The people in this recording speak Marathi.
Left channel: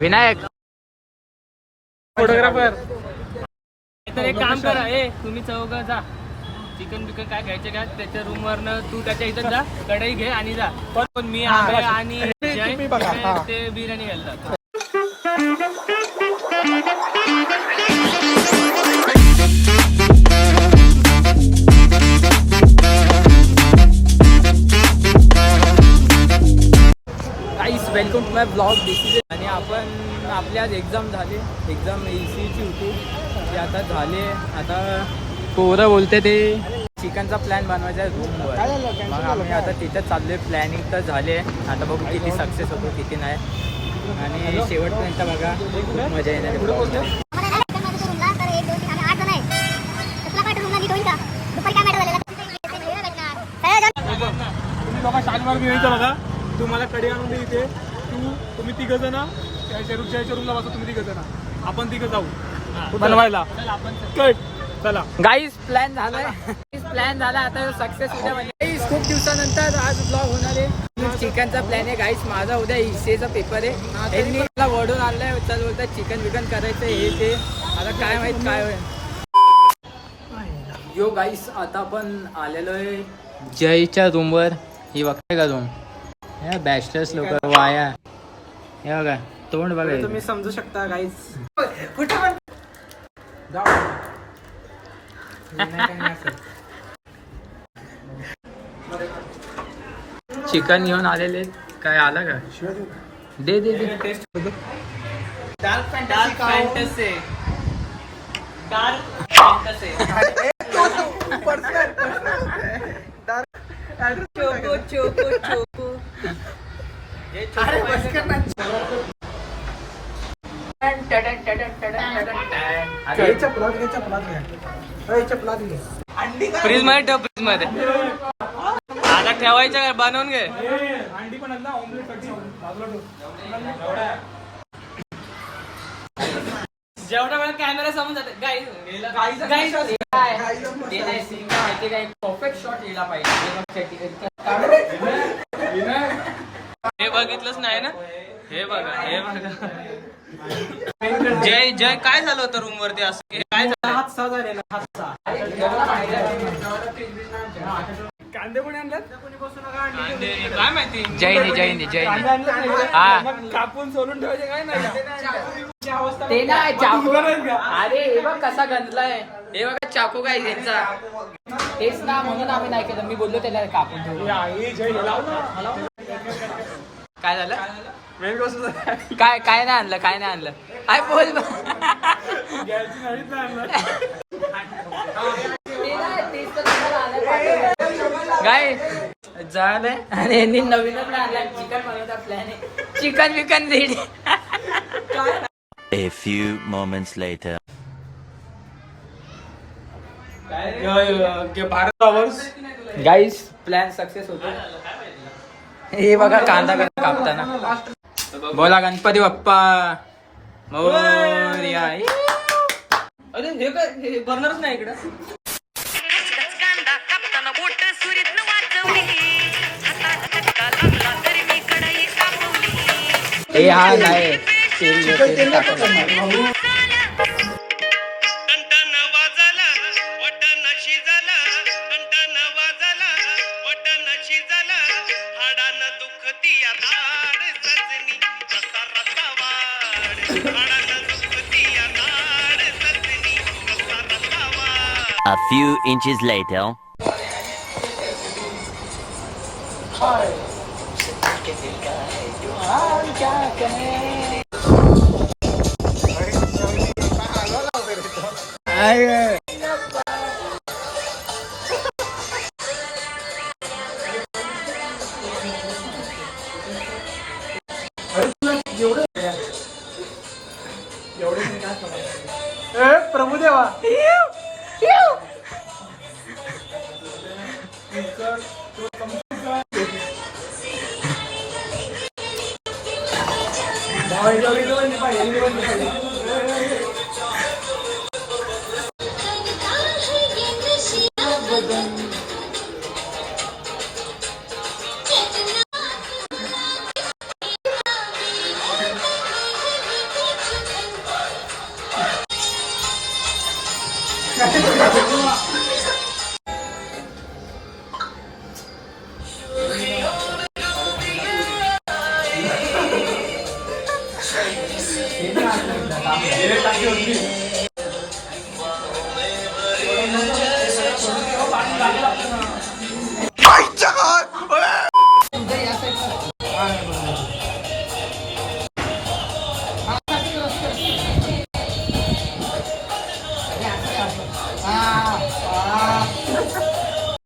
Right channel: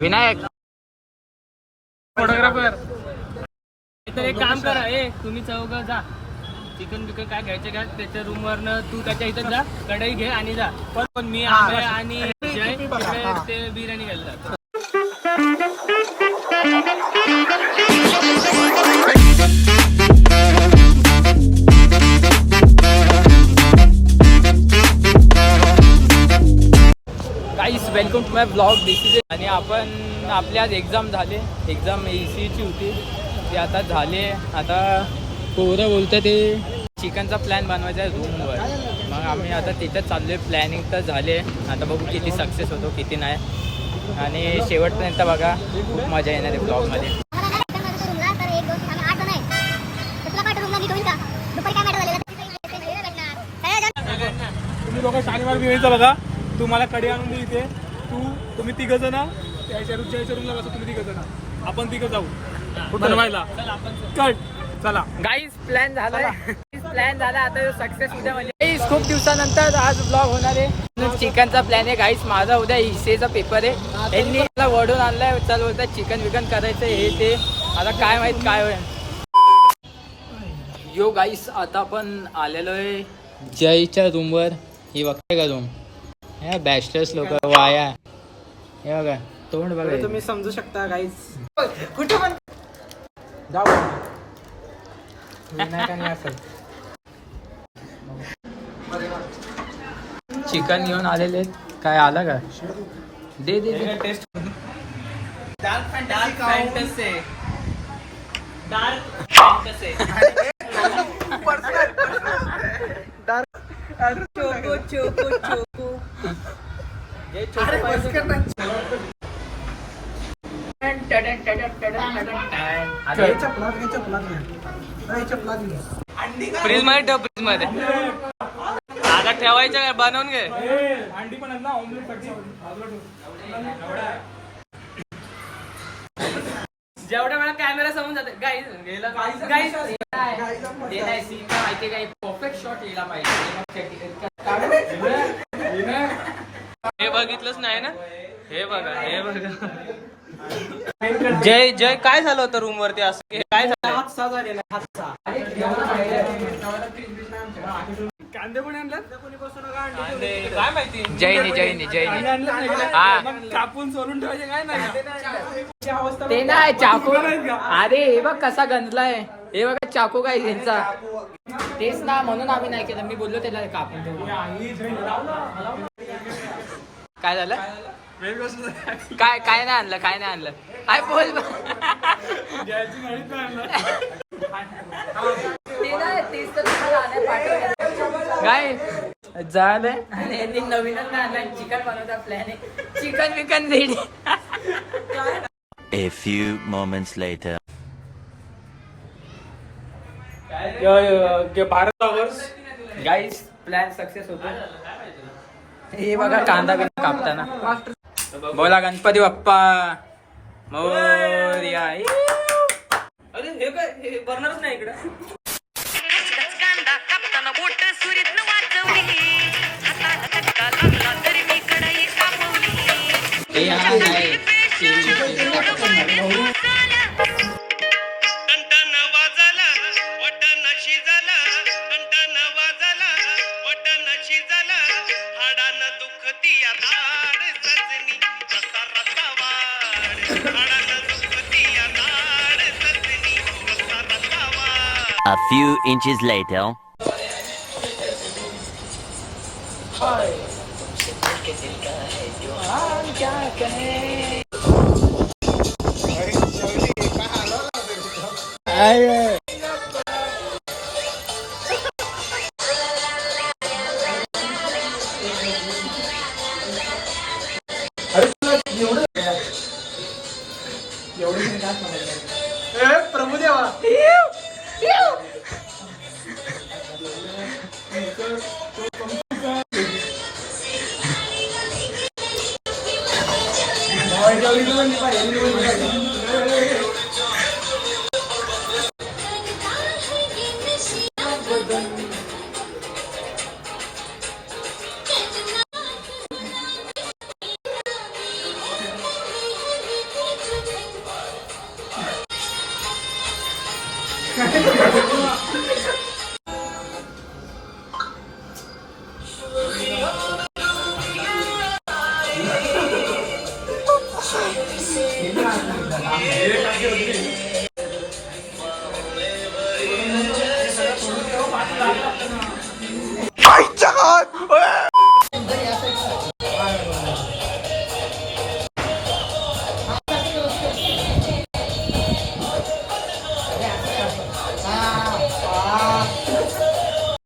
विनायक फोटोग्राफर. तर एक काम करा, तुम्ही चौघ जा, चिकन बिकन काय घ्यायचे का त्याच्या रूम वरनं तू त्याच्या इथं जा, कढई घे आणि जा. पण मी आंबे आणि जय ते बिर्याणी घ्यायला जातो. गाईस वेलकम टू माय ब्लॉग. आणि आपण आपली आज एक्झाम झाली, एक्झाम ECEची होती ती आता झाली. आता पोरं बोलते ते चिकनचा प्लॅन बनवायचा आहे रूमवर, मग आम्ही आता तिथं चाललो आहे. प्लॅनिंग तर झाले, आता बघू किती सक्सेस होतो किती नाही. आणि शेवटपर्यंत बघा, खूप मजा येणार आहे ब्लॉगमध्ये. तुम्ही बघा शनिवार बिवायचं बघा, तुम्हाला कडी आणून दे इथे. तुम्ही तिघ जण त्याच्या रूमला बसा, तुम्ही तिघ जण, आपण तिघ जाऊ बनवायला. चला गाईस प्लॅन झालाय, प्लॅन झाला आता सक्सेस उद्या. म्हणजे खूप दिवसानंतर आज ब्लॉग होणार आहे. चिकनचा प्लॅन आहे गाईस. माझा उद्या ECEचा पेपर आहे. यांनी मला वडून आणलाय, चल बोलतात चिकन विकन करायचं हे ते. आता काय माहित काय होईल. यो गाईस आता आपण आलेलो आहे जयच्या रूमवर. ही बघताय का रूम? या बॅचलर्स लोक वाया, हे बघा तोंड बघा, तुम्ही समजू शकता गाईस. कुठे पण चिकन घेऊन आलेले. काय आला का? दे दे दे. Taste dark fantasy, dark fantasy, choco choco choco. Fridge मध्ये ठेव, फ्रीज मध्ये आता ठेवायचं काय, बनवून घे. अंडी पण ना ऑमलेट जेवढ्या वेळा कॅमेरा समोर जाते गाईस ते नाही सीन काय माहिती काय, परफेक्ट शॉट यायला पाहिजे. हे बघितलंच नाही ना, हे बघा हे बघा. जय जय काय झालं होतं रूम वरती असं, काय झालं? कांदे कोणी आणल्यात? काय माहिती. जयनी हा कापून सोलून ठेवायचे काय नाही का? ते नाही चाकू. अरे हे बघ कसा गंजलाय, हे बघा चाकू काय यांचा. तेच ना, म्हणून आम्ही नाही केलं. मी बोललो त्याला कापून ठेवू. काय झालं? काय काय नाही आणलं, काय नाही आणलं. काय बोल काय झालंय. आणि यांनी नवीनच आणला चिकन बनवता प्लॅन आहे. चिकन विकन ready. A few moments later. भारत आवर्स गाईस प्लॅन सक्सेस होतो. हे बघा कांदा बिंदा कापताना. बोला गणपती बाप्पा मोरया. अरे हे काय, हे बर्नरच नाही इकडे. कांदा कापताना बोट सुरीत वाचवली, हाताला चटका लागला तरी मी कढई कापवली. हे हा नाही टंटन वाजला वटन शिजला, टंटन वाजला वटन शिजला, हाडानं दुखती नाड सजनी, रसा रसा वाढ, हाडानं दुखती नाड सजनी, रसा रसा वाढ. A few inches later. Prabhudeva